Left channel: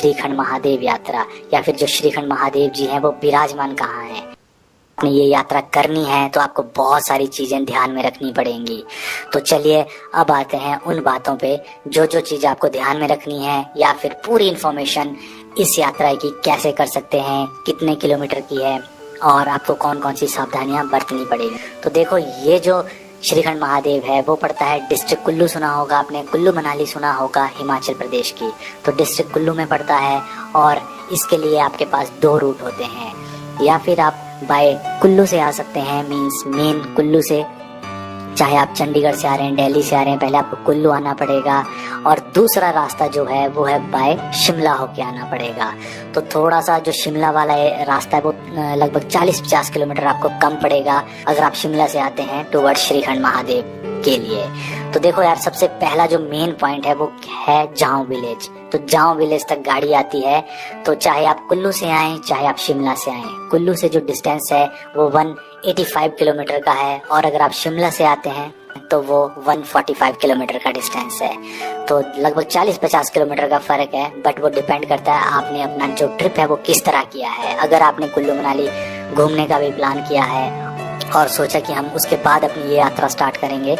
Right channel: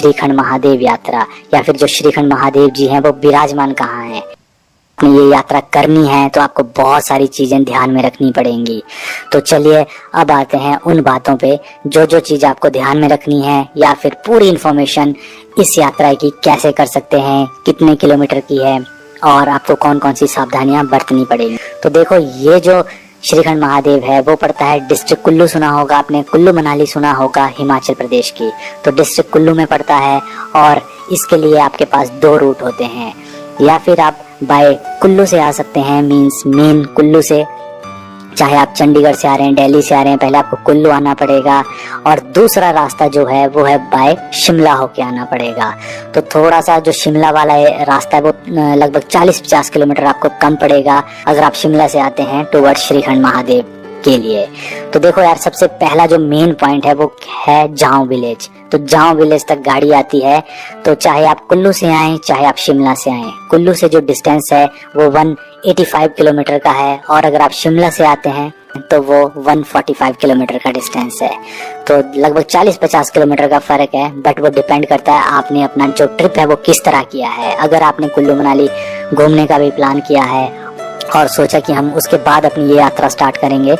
श्रीखंड महादेव यात्रा, या फिर जो श्रीखंड महादेव जी हैं वो विराजमान कहाँ हैं। आपने ये यात्रा करनी है तो आपको बहुत सारी चीजें ध्यान में रखनी पड़ेंगी। तो चलिए अब आते हैं उन बातों पे जो जो चीज आपको ध्यान में रखनी है, या फिर पूरी इंफॉर्मेशन इस यात्रा की कैसे कर सकते हैं, कितने किलोमीटर की है और आपको कौन कौन सी सावधानियां बरतनी पड़ेगी। तो देखो, ये जो श्रीखंड महादेव है वो पड़ता है डिस्ट्रिक्ट कुल्लू, सुना होगा आपने, कुल्लू मनाली सुना होगा, हिमाचल प्रदेश की। तो डिस्ट्रिक्ट कुल्लू में पड़ता है और इसके लिए आपके पास 2 रूट होते हैं। या फिर आप बाय कुल्लू से आ सकते हैं, मींस मेन कुल्लू से, चाहे आप चंडीगढ़ से आ रहे हैं, दिल्ली से आ रहे हैं, पहले आपको कुल्लू आना पड़ेगा। और दूसरा रास्ता जो है वो है बाय शिमला होके आना पड़ेगा। तो थोड़ा सा जो शिमला वाला रास्ता है वो लगभग 40-50 किलोमीटर आपको कम पड़ेगा अगर आप शिमला से आते हैं टुवर्ड श्रीखंड महादेव के लिए। तो देखो यार, सबसे पहला जो मेन पॉइंट है वो है जाओ विलेज। तो जाओ विलेज तक गाड़ी आती है। तो चाहे आप कुल्लू से आए चाहे आप शिमला से आए, कुल्लू से जो डिस्टेंस है वो 185 किलोमीटर का है, और अगर आप शिमला से आते हैं तो वो 145 किलोमीटर का डिस्टेंस है। तो लगभग 40-50 किलोमीटर का फर्क है, बट वो डिपेंड करता है आपने अपना जो ट्रिप है वो किस तरह किया है। अगर आपने कुल्लू मनाली घूमने का भी प्लान किया है और सोचा कि हम उसके बाद अपनी ये यात्रा स्टार्ट करेंगे,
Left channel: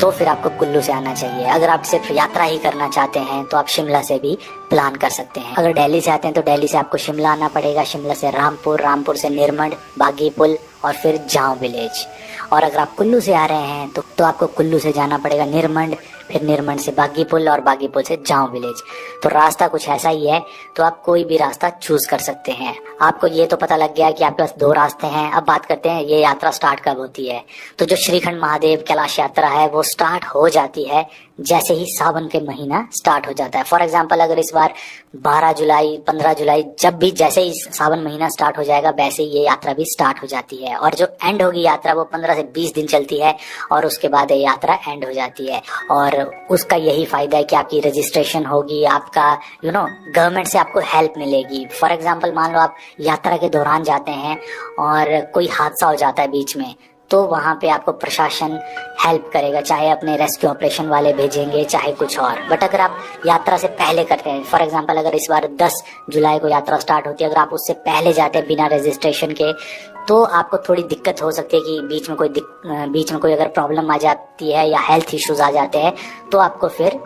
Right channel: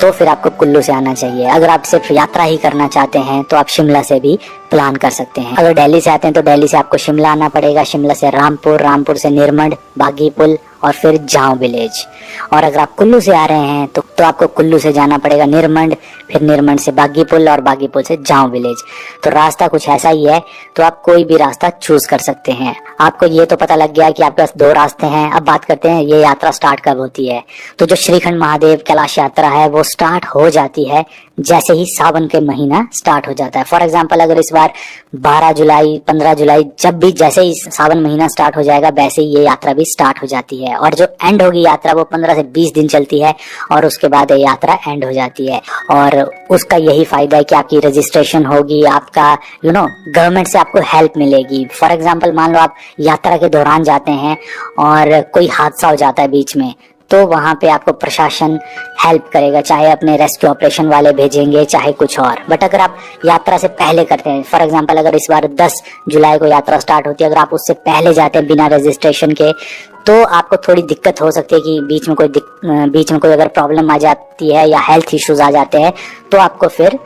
तो फिर आपको कुल्लू से आना चाहिए। अगर आप सिर्फ यात्रा ही करना चाहते हैं तो आप शिमला से भी प्लान कर सकते हैं। अगर दिल्ली से आते हैं तो दिल्ली से आपको शिमला आना पड़ेगा, शिमला से रामपुर, रामपुर से निरमंड, बागीपुल और फिर जाओ विलेज। और अगर आप कुल्लू से आ रहे हैं तो आपको कुल्लू से जाना पड़ेगा निरमंड, फिर निरमंड से बागीपुल और बागीपुल से जाओ विलेज। तो रास्ता कुछ ऐसा ही है, तो आप कोई भी रास्ता चूज कर सकते हैं। आपको ये तो पता लग गया कि आपके पास 2 रास्ते हैं। अब बात करते हैं ये यात्रा स्टार्ट कब होती है। तो जो श्रीखंड महादेव कैलाश यात्रा है वो स्टार्ट हो जाती है जैसे ही सावन के महीना स्टार्ट हो जाता है। फॉर एग्जाम्पल, अगर इस बार 12 जुलाई 15 जुलाई, जब भी जैसे ही सावन महीना स्टार्ट हो जाएगा वैसे ही ये यात्रा भी स्टार्ट हो जाती है। और जो एंड होगी यात्रा वो 15 से 20 दिन चलती है और उसके बाद ये यात्रा एंड हो जाती है। और उसका यही फायदा है कि आपकी रजिस्ट्रेशन होगी, आपका गवर्नमेंट से आपको हेल्प मिलेगी। फॉर एग्जाम्पल, मान लो आप यात्रा के दौरान जाते हैं और कोई हादसा हो जाता है बीच में, तो वहां पे आपको प्रशासन हेल्प करेगा, चाहे अपने रेस्क्यू ऑपरेशन वाले भेजेंगे चाहे कुछ और। बट अगर आप यात्रा से पहले करते हैं, फॉर एग्जांपल अगर इस बार 10 जुलाई को यात्रा स्टार्ट होती है, अगर आप उससे पहले जाते हैं बिना रजिस्ट्रेशन के, तो आपको थोड़ी दिक्कत हो सकती है कि बीच में कोई अगर प्रॉब्लम आ जाती है या हेल्थ इश्यूज आ जाते हैं तो आपको फिर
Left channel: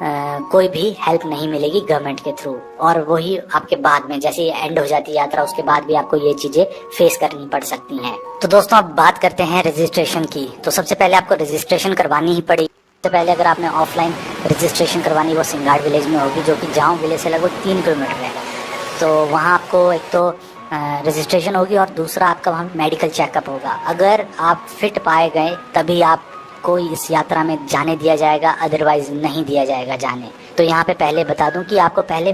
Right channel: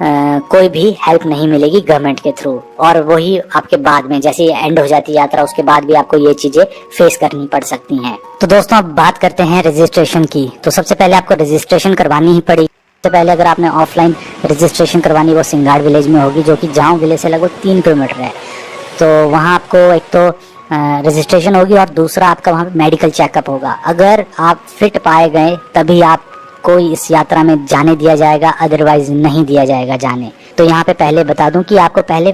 कोई भी हेल्प नहीं मिलेगी गवर्नमेंट के थ्रू। और वही आपके बाद में जैसे एंड हो जाती है यात्रा उसके बाद भी आपको ये चीजें फेस करनी पड़ सकती हैं। तो दोस्तों अब बात करते हैं रजिस्ट्रेशन की। तो सबसे पहले आपको रजिस्ट्रेशन करवानी ही पड़ी। तो पहले अगर आपने ऑफलाइन रजिस्ट्रेशन करवानी वो सिंगाड़ विलेज में होगी, जो कि जाओ विलेज से लगभग 3 किलोमीटर है। तो वहाँ आपको एक तो रजिस्ट्रेशन होगी और दूसरा आपका वहाँ मेडिकल चेकअप होगा। अगर आप फिट पाए गए तभी आप कोई इस यात्रा में जाने दिया जाएगा, अदरवाइज नहीं दिया जाएगा जाने। तो यहाँ पे पहले बता दूं कि आपको पहले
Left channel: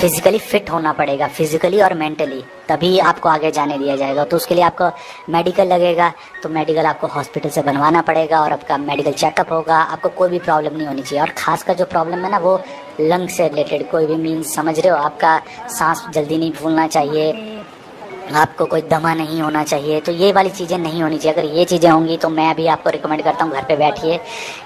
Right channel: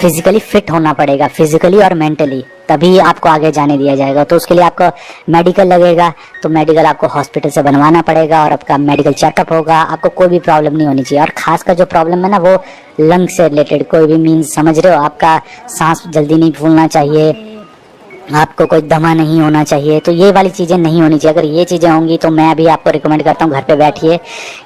फिजिकली फिट होना पड़ेगा, फिजिकली और मेंटली, तभी आपको आगे जाने दिया जाएगा। तो उसके लिए आपको मेडिकल लगेगा, तो मेडिकल आपको हॉस्पिटल से बनवाना पड़ेगा और आपका मेडिकल चेकअप होगा। आपको कोई भी प्रॉब्लम नहीं होनी चाहिए। और खास कर जो प्रॉब्लम है ना वो लंग से रिलेटेड, कोई भी मीन्स समझ रहे हो, आपका सांस जल्दी नहीं फूलना चाहिए, आपको कोई दमा नहीं होना चाहिए, तो ये वाली चीज़ें नहीं होनी चाहिए। अगर ये चीज़ें होंगी तो मैं भी आपको रिकमेंड करता हूँ घर पे बैठिए,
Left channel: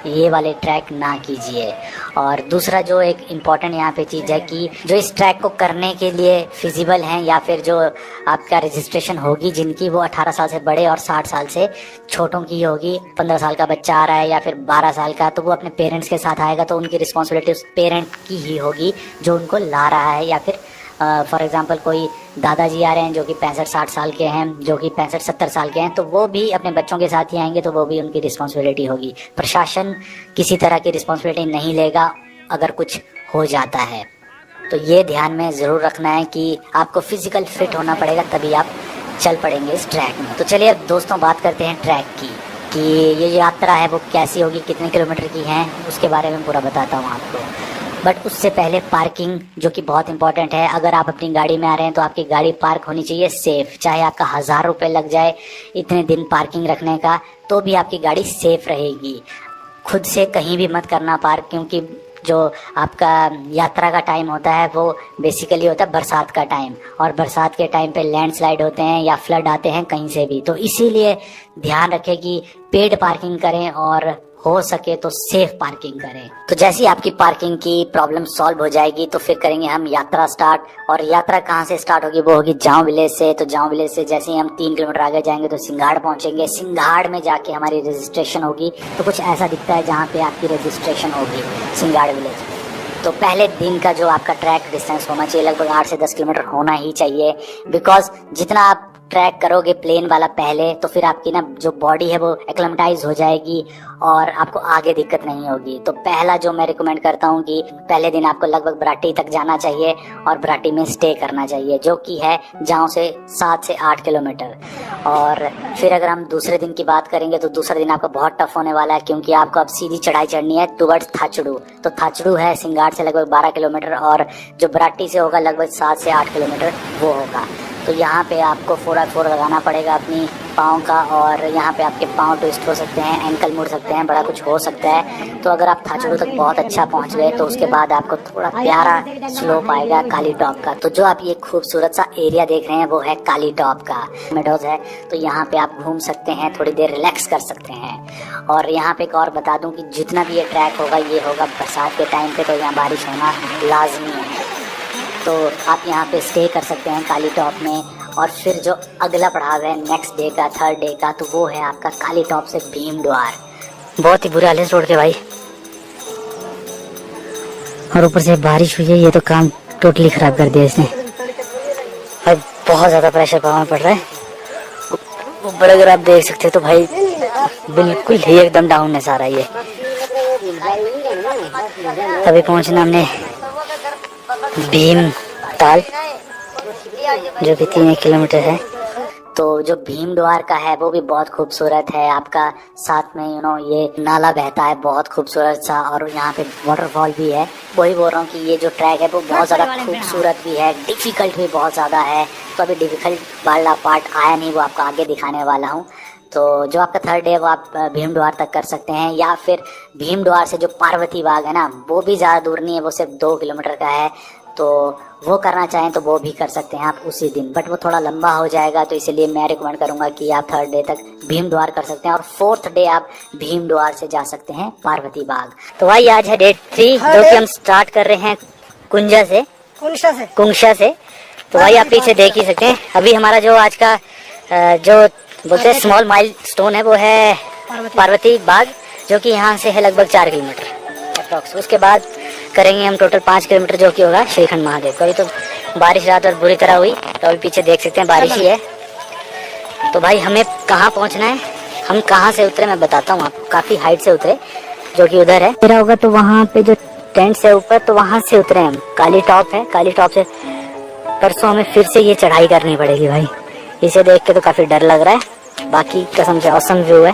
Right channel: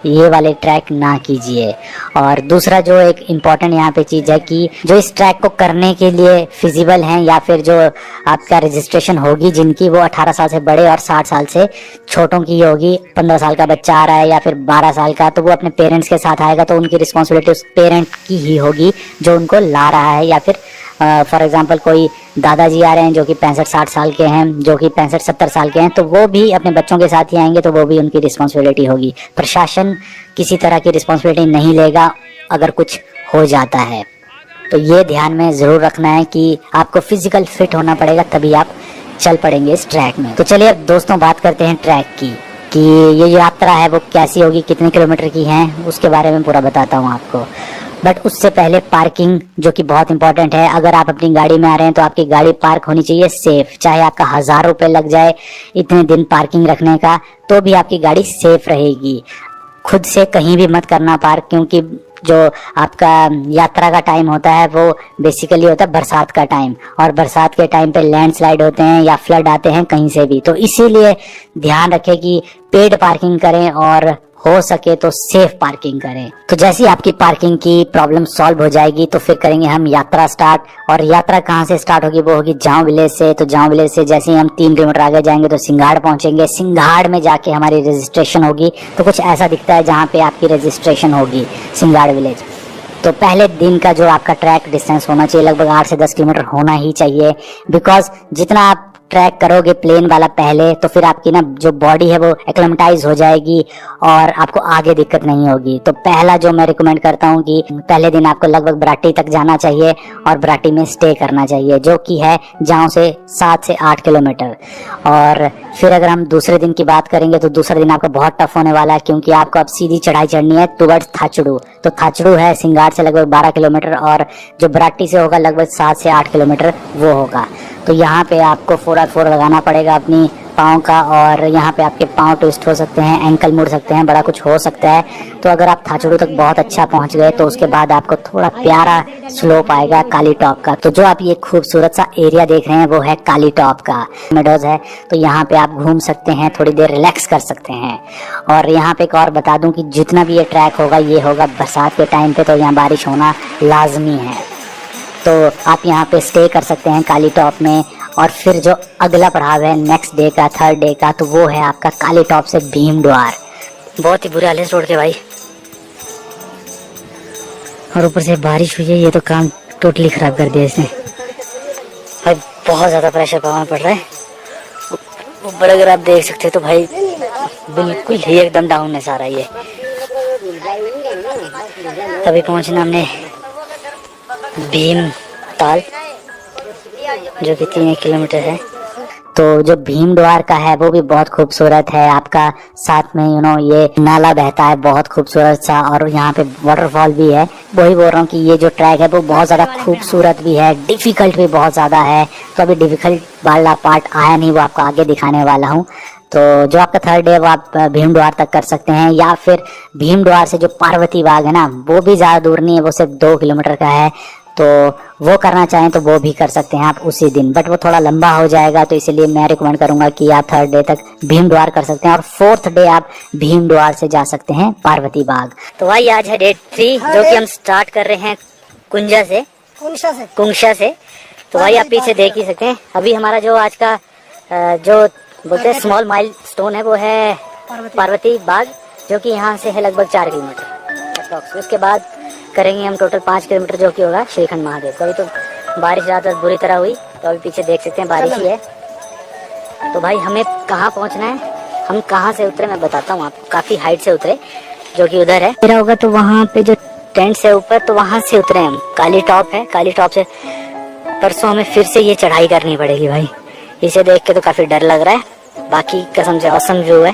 ये वाले ट्रैक ना कीजिए। और दूसरा जो एक इम्पॉर्टेंट यहाँ पे चीज़ है कि जो इस ट्रैक को करने के लिए फिजिबल हैं या फिर जो आपका रजिस्ट्रेशन होगी जिनकी, वो 18 साल से बड़े और 60 साल से छोटों की होगी। 15 साल का बच्चा आ रहा है या फिर 12 साल का, तो वो अपने पेरेंट्स के साथ आएगा, तो उनकी रिस्पॉन्सिबिलिटी उस पेरेंट की ही होगी जो उनको ला रहा है। या फिर फॉर एग्जाम्पल कोई दादाजी आ रहे हैं जो कि 65-60 साल के हैं, जो कि 65-70 साल के हैं, तो वो भी अपने बच्चों के साथ ही आएंगे, तो वो भी उनकी रिस्पॉन्सिबिलिटी होगी। प्रशासन किसी तरह की रिस्पॉन्सिबिलिटी नहीं लेगा अगर कुछ हो जाता है। तो ये ध्यान में जरूर रखना है कि आपको फिजिकल फिट होना पड़ेगा, तभी आप चल पड़ेंगे इस ट्रैक में। तो चलिए दोस्तों बात करते हैं ट्रैक की, कि ये यात्रा है वो कैसी होगी, कितने किलोमीटर की है, उसके बारे में पूरा बताता हूँ आपको। बट उससे पहले पार्किंग, जो कि बहुत इंपॉर्टेंट है। अगर आप अपनी गाड़ी में आ रहे हैं तो आपकी गाड़ी पार्क होनी चाहिए सेफ, चाहे आपका 1000 रुपये लग जाए इतने दिन पार्किंग रखने का, तो भी आपकी गाड़ी सेफ रहेगी। खुद से कहीं भी मत करना पार्क, क्योंकि जो आपका यात्रा का टाइम होता है वो बेसिकली होता है बरसात का टाइम, और बरसात के टाइम पे लैंडस्लाइड होते हैं या फ्लड आते हैं कहीं से भी। तो इसीलिए ध्यान रखें कि पेड पार्किंग करें और हो सके तो सेफ पार्किंग करें। तो जैसे ही आपकी पार्किंग की प्रॉब्लम सॉल्व हो जाएगी तो फिर करेंगे हम यात्रा स्टार्ट। और यात्रा कहाँ से स्टार्ट होगी, वो होगी जांव विलेज से। तो जांव विलेज से जैसे ही हम 3 किलोमीटर आगे जाएंगे तो सिंघाड़ पहुंचेंगे। सिंघाड़ में जाके हमारी रजिस्ट्रेशन होगी। तो कुछ ऐसा दिखता है जहाँ पे आपकी रजिस्ट्रेशन होगी, सिंघाड़ विलेज। तो पहले दिन का जो आपका ट्रैक डिस्टेंस होना चाहिए लगभग 8 से 10 किलोमीटर होना ही चाहिए। बिकॉज जितना आप ट्रैक करोगे प्लेन वाला पहले, तो फिर आपकी ना जो बॉडी है वो एक्लेमेटाइज हो जाएगी और आपको आगे दिक्कत नहीं होगी। तो पहला जो मैं रिकमेंड करता हूँ कि पहले दिन आपको लगभग बराटी तक जाना चाहिए और बराटी में स्टे करना चाहिए, जो कि है जहाँ से 7 से 8 किलोमीटर। और फिर अगर हम दूसरे दिन की बात करेंगे तो दूसरा दिन आपका बहुत टफ होने वाला है, क्योंकि आपको अब सीधी चढ़ाई चढ़नी है टुवर्ड्स थाचड़ू। तो थाचड़ू है सिंगार से लगभग 12 किलोमीटर और जो बराटी से होगा लगभग 7 से 8 किलोमीटर वो होगा। तो यहाँ पे आपको 4x4 लगाना पड़ेगा अपनी पाँव का, और यहाँ पे आपके पाँव ट्विस्ट हो सकते हैं, एंकल मुड़ सकते हैं, बड़ा कुछ हो सकता है। तो अगर आप थाचड़ू तक बहुत अच्छा पहुँच गए तो उसके बाद आपको थोड़ा प्यारा स्लोप आएगा काली टॉप का। तो जो आप ये खूबसूरत सा एरिया देख रहे हैं वो है काली टॉप का मेडोज है। तो यहाँ पे आप घूम सकते हैं, थोड़ी देर रिलैक्स कर सकते हैं। और यहाँ पे एक और बता दूं कि जितना भी ये ट्रैक होगा ये होगा बरसात के टाइम पे, तो यहाँ बारिश होना लाजमी है। तो आप यहाँ पे स्टे कर सकते हैं काली टॉप में। और फिर जो अगला पड़ाव है नेक्स्ट डे का, थर्ड डे का, तो वो है आपका काली टॉप से भीम द्वार। बहुत ही बुरे हाल है इस रोड के भाई, और ऊपर से बारिश हुई है, ये तो काम टोटली खराब कर दिया इसने। अब बहुत ज़्यादा प्रेशर पावर पड़ रहा है ऊपर, अगर आप देख सकते हो तो भाई बिल्कुल ही एकदम डाउन है सारा ये। अभी पहुँचना हमने भीम ताल, जो कि 3 किलोमीटर है। तो जो भीम द्वार का है वो भी बहुत खूबसूरत है आपका, साथ में ये नाला बहता है बहुत खूबसूरत सा, और यहाँ पे वाटरफॉल भी है। वही बोल रहा हूँ कि ये जो ट्रैक है वो बहुत ज़्यादा खूबसूरत भी है, डिफिकल्ट भी बहुत ज़्यादा है। तो अभी डिफिकल्ट वाला पार्ट आया नहीं, वो आपको आगे दिखाने वाला हूँ। तो जो आपका थर्ड डे वो आप भीम द्वार तक कर सकते हैं, या फिर भीम द्वार से जो पार्वती बाग है ना वो भी ज़्यादा दूर नहीं है, वो सिर्फ 2 किलोमीटर का है। तो वो करना चाहें तो वो भी कर सकते हैं आप उसी दिन, बट वो थोड़ा लंबा हो जाएगा, तो इसलिए मैं रिकमेंड करूंगा कि आप थर्ड डे तक भीम द्वार कर सकते हैं और फोर्थ डे आप भीम द्वार से जा सकते हैं पार्वती बाग। तो भाई आज है डे 3, जो कि हम स्टार्ट कर रहे हैं कुंजा से, कुंशा से। तो भाई आप पीछे देख ही सकते हैं। अभी हमारा जो आज का जो बोलते हैं स्मॉल माइल स्टोन है वो है पार्वती बाग, जो कि यहाँ से है लगभग 4 किलोमीटर। उसके बाद करेंगे हम टोटल 5 किलोमीटर, जो कि होगा श्रीखंड महादेव। कभी तो बारिश रात और बुरी तरह हुई, तो अभी पीछे देख सकते हैं बारिश ही है। तो भाई हमें कहाँ पहुँचना है, हम कहाँ से उतरे मैं बताता हूँ आपको। काफ़ी हाइट से उतरे, जो कि उधर है मेरा होगा, तो वहाँ पे जो टेंट है ऊपर, तो वहाँ से उतरे हम। काली टॉप है, काली टॉप से परसों हमें फिर से ये चढ़ाई करनी पड़ेगी भाई। इसे देख के तो काफ़ी डर लग रहा है, बाकी कसम से औसम व्यू है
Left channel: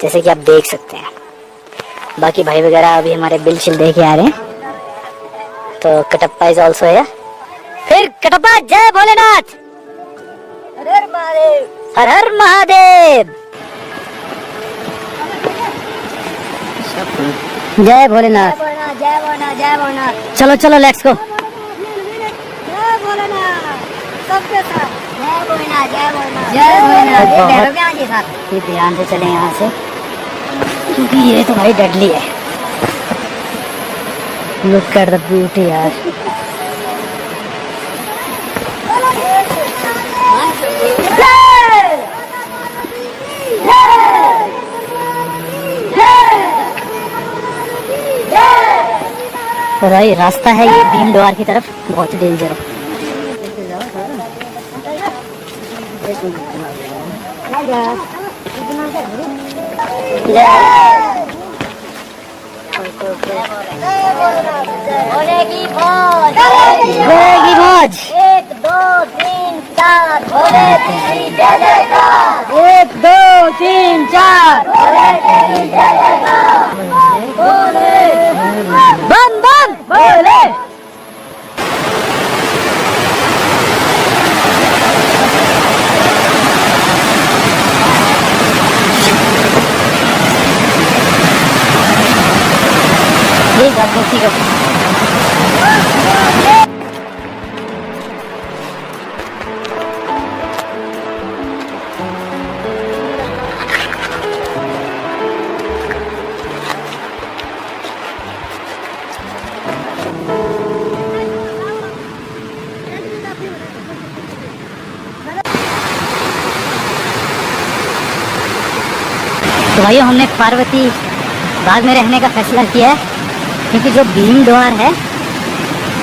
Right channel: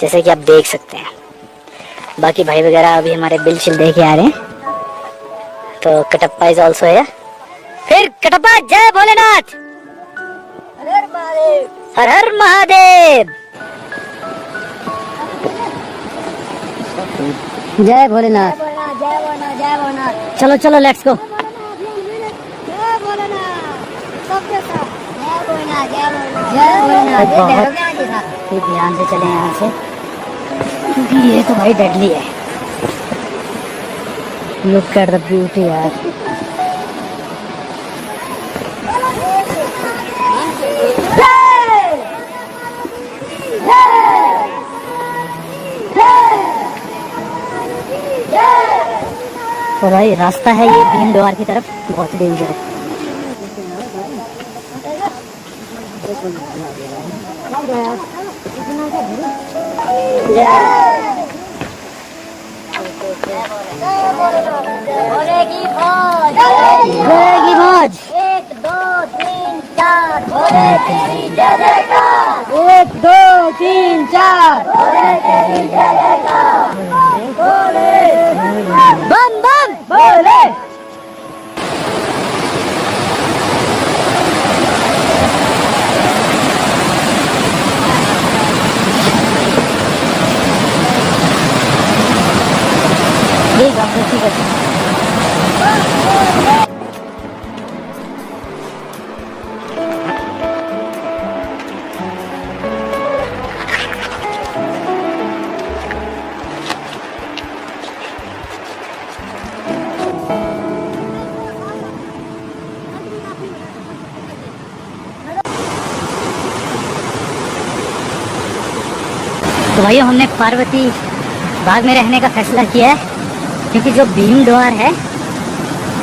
जैसे कि आप देख सकते हैं। बाकी भाई वगैरह अभी हमारे बिल शिल देखे आ रहे हैं। तो कटप्पा इज ऑल्सो है। फिर कटप्पा जय भोलेनाथ, हर हर महादेव, हर हर महादेव, जय भोलेनाथ, जय भोलेनाथ, जय भोलेनाथ। चलो चलो लेट्स गो। जय भोलेनाथ, सबके साथ जय भोलेनाथ, जय भोलेनाथ, जय भोलेनाथ। ध्यान से चले यहाँ से, क्योंकि ये तो भाई डेडली है। लुक एट द ब्यूटी यार। भाई रास्ता है ये भीम द्वार की तरफ, बहुत डेंजर है। बोलेगी मौज, 1 2 3 4, 1 2 3 4, बम बम बोले। ठीक है। भाइयों हमने पार्वती बाग में रहने का फैसला किया है, क्योंकि जो भीम द्वार है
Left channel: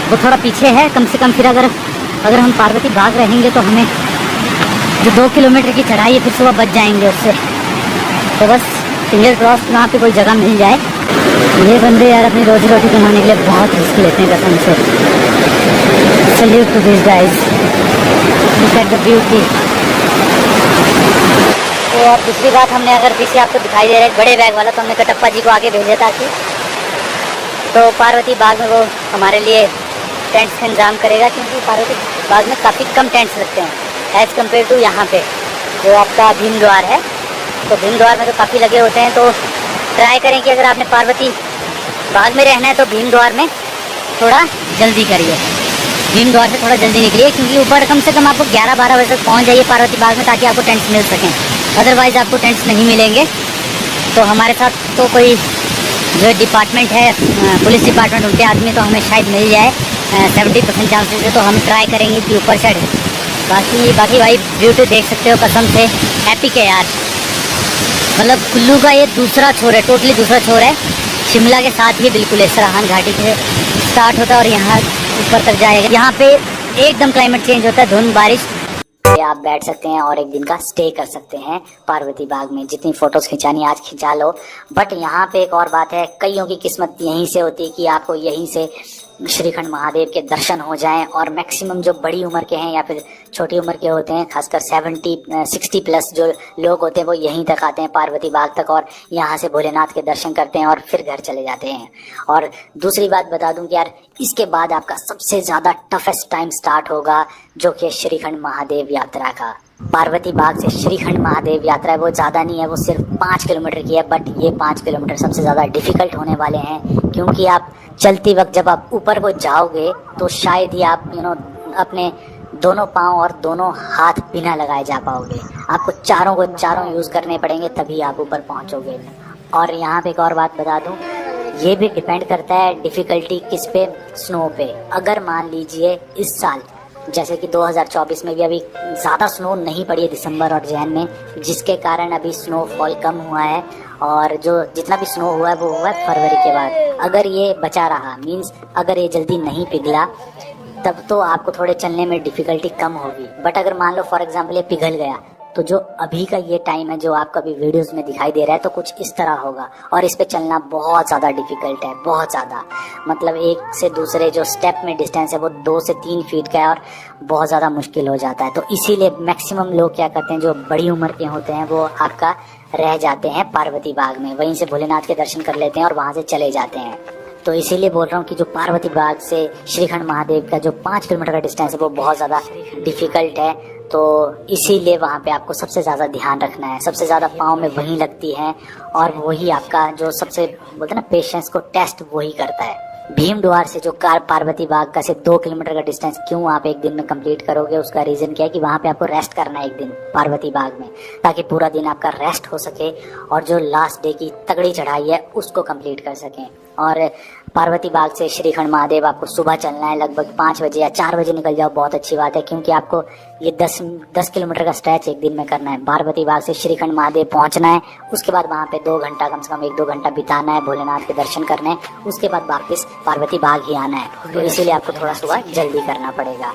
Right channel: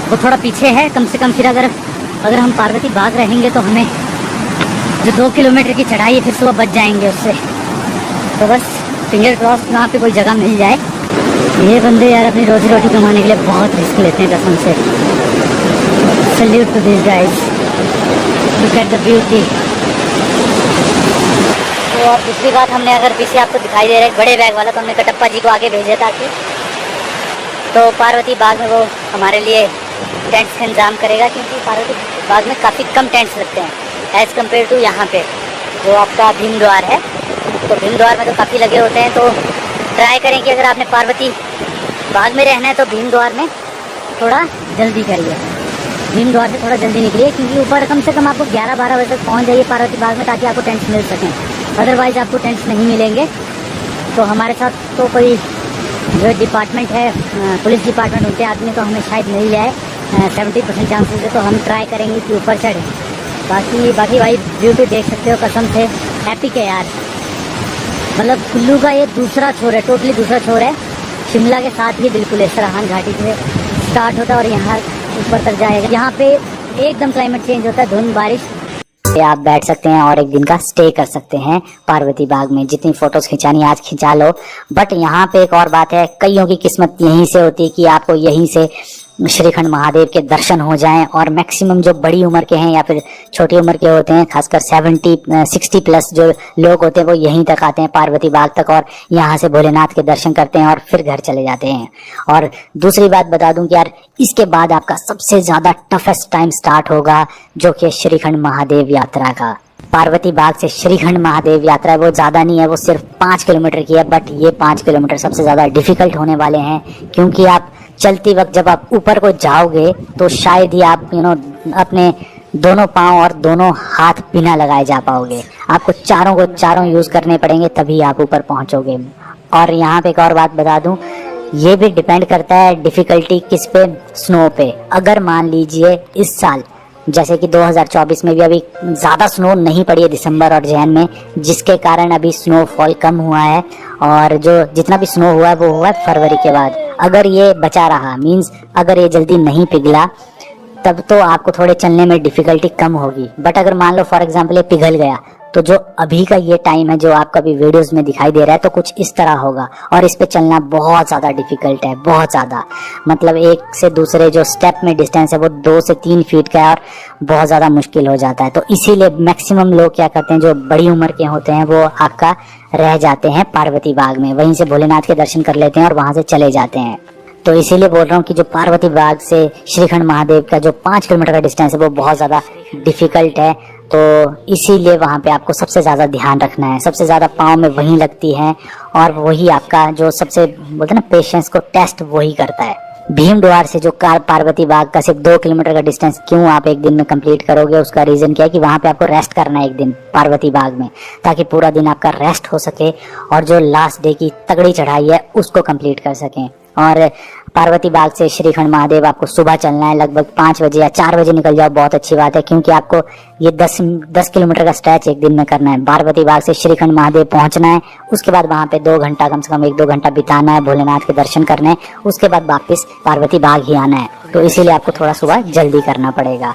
वो थोड़ा पीछे है। कम से कम फिर अगर हम पार्वती बाग रहेंगे तो हमें जो 2 किलोमीटर की चढ़ाई फिर सुबह बच जाएंगे उससे। तो बस फिंगर क्रॉस वहाँ पे कोई जगह मिल जाए। ये बंदे यार अपनी रोजी रोटी कमाने के लिए बहुत रिस्क लेते हैं कसम से। Salute to this guys, look at the beauty. तो अब दूसरी बात, हमने अगर पीछे आपको दिखाई दे रहे बड़े बैग वाला, तो हमने कटप्पा जी को आगे भेजा था। तो पार्वती बाग में वो हमारे लिए टेंट्स का इंतजाम करेगा, क्योंकि पार्वती बाग में काफ़ी कम टेंट्स लगते हैं एज़ कम्पेयर टू यहाँ पे जो आपका भीम द्वार है। तो भीम द्वार में तो काफ़ी लगे होते हैं। तो ट्राई करें कि अगर आपने पार्वती बाग में रहना है तो भीम द्वार में थोड़ा जल्दी करिए, भीम द्वार से थोड़ा जल्दी निकलिए, क्योंकि ऊपर कम से कम आपको 11-12 बजे तक पहुँच जाइए पार्वती बाग में, ताकि आपको टेंट्स मिल सकें। अदरवाइज़ आपको टेंट्स नहीं मिलेंगे। तो हमारे साथ तो कोई जो डिपार्टमेंट है, पुलिस डिपार्टमेंट उनके आदमी तो हमें शायद मिल जाए 70% चांसेस है। तो हम ट्राई करेंगे कि ऊपर चढ़े। बाकी भाई ब्यूटी देख सकते हो, कसम से एपिक है यार। मतलब कुल्लू का ये दूसरा छोर है, टोटली दूसरा छोर है। शिमला के साथ ही बिल्कुल है, सरहान घाटी से स्टार्ट होता है और यहाँ ऊपर तक जाएगा। यहाँ पे एकदम क्लाइमेट चेंज होता है, धुंध बारिश। आप बैठ सकते हैं और एक दिन का स्टे कर सकते हैं पार्वती बाग में। जितनी फोटोज खिंचानी आज खिंचा लो। बट यहाँ पे एक और बात है, कईयों की किस्मत यहीं से होती है कि आपको यहीं से श्रीखंड महादेव के दर्शन हो जाएं। और मैक्सिमम जो बड़ी उम्र के हैं या फिर छोटी उम्र के होते हैं, खासकर 60 प्लस जो लोग होते हैं, वो यहीं तक आते हैं पार्वती बाग तक, और यहाँ से भोलेनाथ के दर्शन करते हैं और फिर घर चले जाते हैं। और दूसरी बात बता दूं कि यार, इसके बाद आपका सबसे ज्यादा टफेस्ट टाइम स्टार्ट होगा, जो कि श्रीखंड महादेव यात्रा का। पार्वती बाग से श्रीखंड महादेव यात्रा वो ज्यादा नहीं है, वो सिर्फ 5 किलोमीटर की है। बट ये 5 किलोमीटर सबसे ज्यादा डिफिकल्ट होने वाले हैं, क्योंकि आप चलती वक्त जब आप ऊपर को जाओगे तो शायद ही आप अपने दोनों पांव और दोनों हाथ बिना लगाए जा पाओगे। आपको चारों यूज करने पड़ेंगे, तभी आप ऊपर पहुंचोगे। और यहाँ पे एक और बात बता दूं, ये भी डिपेंड करता है डिफिकल्टी किस पे, स्नो पे। अगर मान लीजिए इस साल जैसे कि 2024 में भी अभी ज़्यादा स्नो नहीं पड़ी है दिसंबर और जैन में, जिसके कारण अभी स्नोफॉल कम हुआ है। और जो जितना भी स्नो हुआ है वो हुआ है फरवरी के बाद। अगर ये बचा रहा, मींस अगर ये जल्दी नहीं पिघला, तब तो आपको थोड़े चलने में डिफिकल्टी कम होगी। बट अगर मान लो फॉर एग्जांपल ये पिघल गया, तो जो अभी का ये टाइम है जो आपको अभी वीडियोस में दिखाई दे रहा है, तो कुछ इस तरह होगा। और इस पे चलना बहुत ज़्यादा डिफिकल्ट है, बहुत ज़्यादा। मतलब एक से दूसरे जो स्टेप में डिस्टेंस है वो 2 से 3 फीट का है, और बहुत ज़्यादा मुश्किल हो जाता है। तो इसीलिए मैक्सिमम लोग क्या करते हैं, जो बड़ी उम्र के होते हैं, वो आपका रह जाते हैं पार्वती बाग में, वहीं से भोलेनाथ के दर्शन कर लेते हैं और वहाँ से चले जाते हैं। तो इसीलिए बोल रहा हूँ कि जो पार्वती बाग से श्रीखंड महादेव का जो 5 किलोमीटर का डिस्टेंस है वो बहुत ज़्यादा डिफिकल्ट है। तो इसीलिए वहाँ पे आपको सबसे ज़्यादा ध्यान रखना है, सबसे ज़्यादा पाँव में वही लगती है, और वही आपका जो सबसे बोलते हैं ना पेशेंस को टेस्ट वही करता है। भीम द्वार से जो पार्वती बाग का सिर्फ 2 किलोमीटर का डिस्टेंस क्यों आप एक दिन में कंप्लीट करोगे, उसका रीजन क्या है कि वहाँ पे आपको रेस्ट करना है एक दिन पार्वती बाग में, ताकि पूरा दिन आपका रेस्ट हो सके और जो लास्ट डे की तगड़ी चढ़ाई है उसको कंप्लीट कर सकें। और पार्वती बाग से श्रीखंड महादेव आपको सुबह चलना है, लगभग 5 बजे या 4 बजे निकल जाओ, बहुत अच्छी बात है, क्योंकि आपको ये 10 किलोमीटर का स्ट्रेच एक दिन में करना है। पार्वती बाग से श्रीखंड महादेव पहुंचना है, उसके बाद वहां पे 2 घंटा, कम से कम 1-2 घंटा बिताना है, भोलेनाथ के दर्शन करने हैं, उसके बाद वापस पार्वती बाग ही आना है। तो इसीलिए आपको थोड़ा सुबह जल्दी करना पड़ेगा।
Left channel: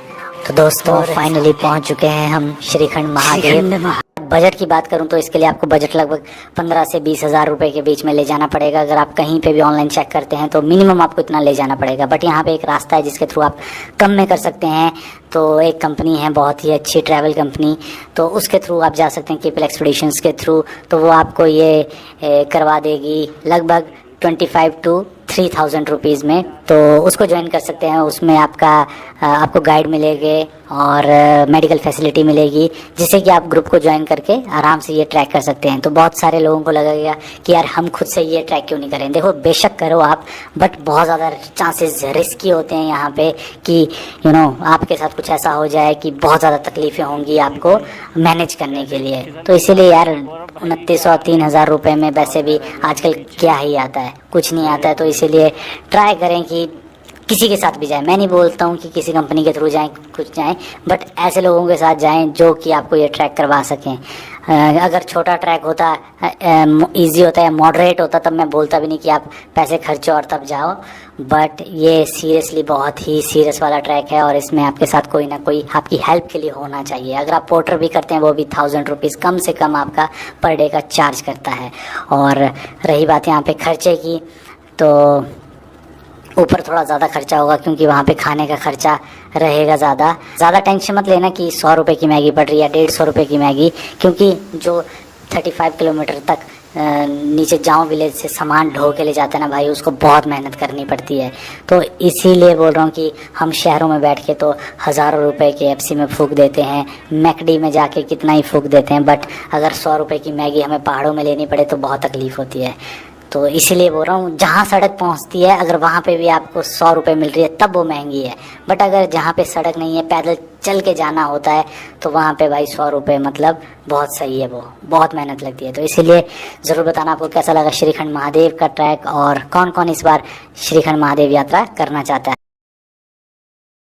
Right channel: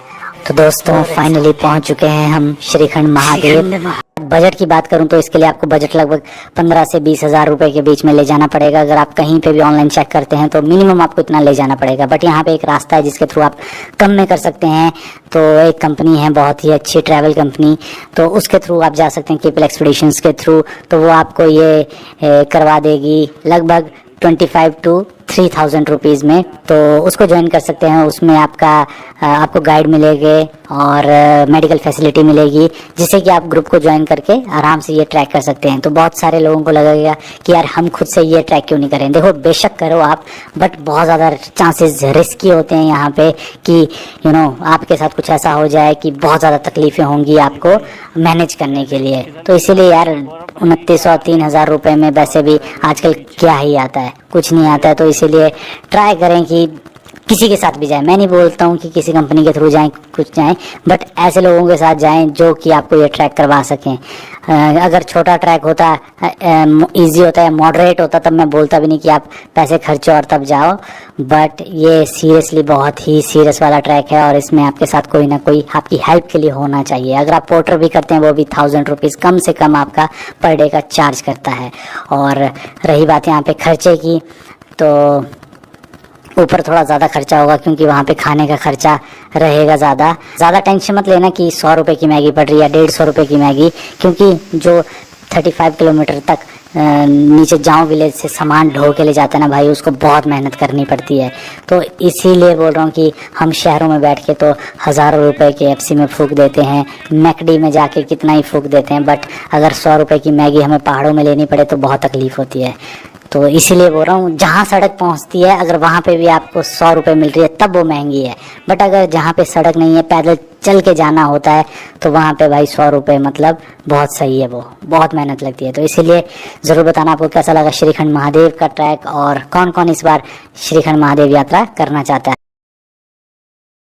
तो दोस्तों फाइनली पहुंच चुके हैं हम श्रीखंड महादेव। बजट की बात करूं तो इसके लिए आपको बजट लगभग 15 से 20 हज़ार रुपए के बीच में ले जाना पड़ेगा। अगर आप कहीं पे भी ऑनलाइन चेक करते हैं तो मिनिमम आपको इतना ले जाना पड़ेगा। बट यहाँ पे एक रास्ता है जिसके थ्रू आप कम में कर सकते हैं। तो एक कंपनी है बहुत ही अच्छी ट्रैवल कंपनी, तो उसके थ्रू आप जा सकते हैं, केपल एक्सपीडिशंस के थ्रू। तो वो आपको ये करवा देगी लगभग 25 to 3000 रुपीज़ में। तो उसको ज्वाइन कर सकते हैं। उसमें आपको गाइड मिलेंगे और मेडिकल फैसिलिटी मिलेगी, जिससे कि आप ग्रुप को ज्वाइन करके आराम से ये ट्रैक कर सकते हैं। तो बहुत सारे लोगों को लगेगा कि यार हम खुद से ये ट्रैक क्यों नहीं करें। देखो बेशक करो आप, बट बहुत ज़्यादा चांसेस रिस्की होते हैं यहाँ पे कि आपके साथ कुछ ऐसा हो जाए कि बहुत ज़्यादा तकलीफ़ें होंगी आपको मैनेज करने के लिए। तो इसीलिए यार 2900 3000 रुपये में वैसे भी आजकल क्या ही आता है, कुछ नहीं आता है। तो इसीलिए ट्राई करें कि किसी के साथ भी जाएं, मैं नहीं बोलता हूँ कि किसी कंपनी के थ्रू जाएं, कुछ जाएं, बट ऐसे लोगों के साथ जाएं जो कि आपको ये ट्रैक करवा सकें। अगर छोटा ट्रैक होता, इजी होता है, मॉडरेट होता, तब मैं बोलता भी नहीं कि आप पैसे खर्चो और तब जाओ। बट ये सीरियसली बहुत ही सीरियस वाला ट्रैक है और इसमें आपके साथ कोई ना कोई आपकी हेल्प के लिए होना चाहिए। अगर आप पोर्टर भी करते हैं वो भी 1000 रुपीज़ कम से कम आपका पर डे का चार्ज करता है। और रही बात यहाँ पे खर्चे की, तो ऊपर थोड़ा ज़्यादा खर्चा होगा क्योंकि वहाँ पे खाने का खर्चा रहेगा ज़्यादा टेंशन मत लेना कि 100 रुपये की मैगी पड़ रही है, 150 रुपये की मैगी, क्योंकि जो 35 किलोमीटर तक नीचे जाऊँ विलेज से सामान ढो के ले जाता है ना भाई, उसको बहुत मेहनत करनी पड़ती है। तो इसीलिए बोल रहा हूँ कि हम शहरों में बैठ के तो हज़ारों रुपए के KFC में फूक देते हैं, मैकडी में जाके कितना ही फूक देते हैं, बट अगर 100 रुपये की मैगी हमें पहाड़ों में लेनी पड़े तो बहुत तकलीफ़ होती है। तो इसीलिए बोल रहा हूँ, जहाँ सड़क पहुँचती है अगर वहाँ पे भी आपको 100 रुपये मिल रही है तब वो महंगी है, बट अगर जहाँ पे सड़क नहीं है, पैदल चल के जाना होता है, तो वहाँ पे भाई 100 रुपये मतलब बहुत सही है, वो बहुत मेहनत लगती है। तो इसीलिए ज़रूर बताना आपको कैसा लगा श्रीखंड महादेव का ट्रैक और कौन कौन इस बार श्रीखंड महादेव यात्रा करना चाहता है।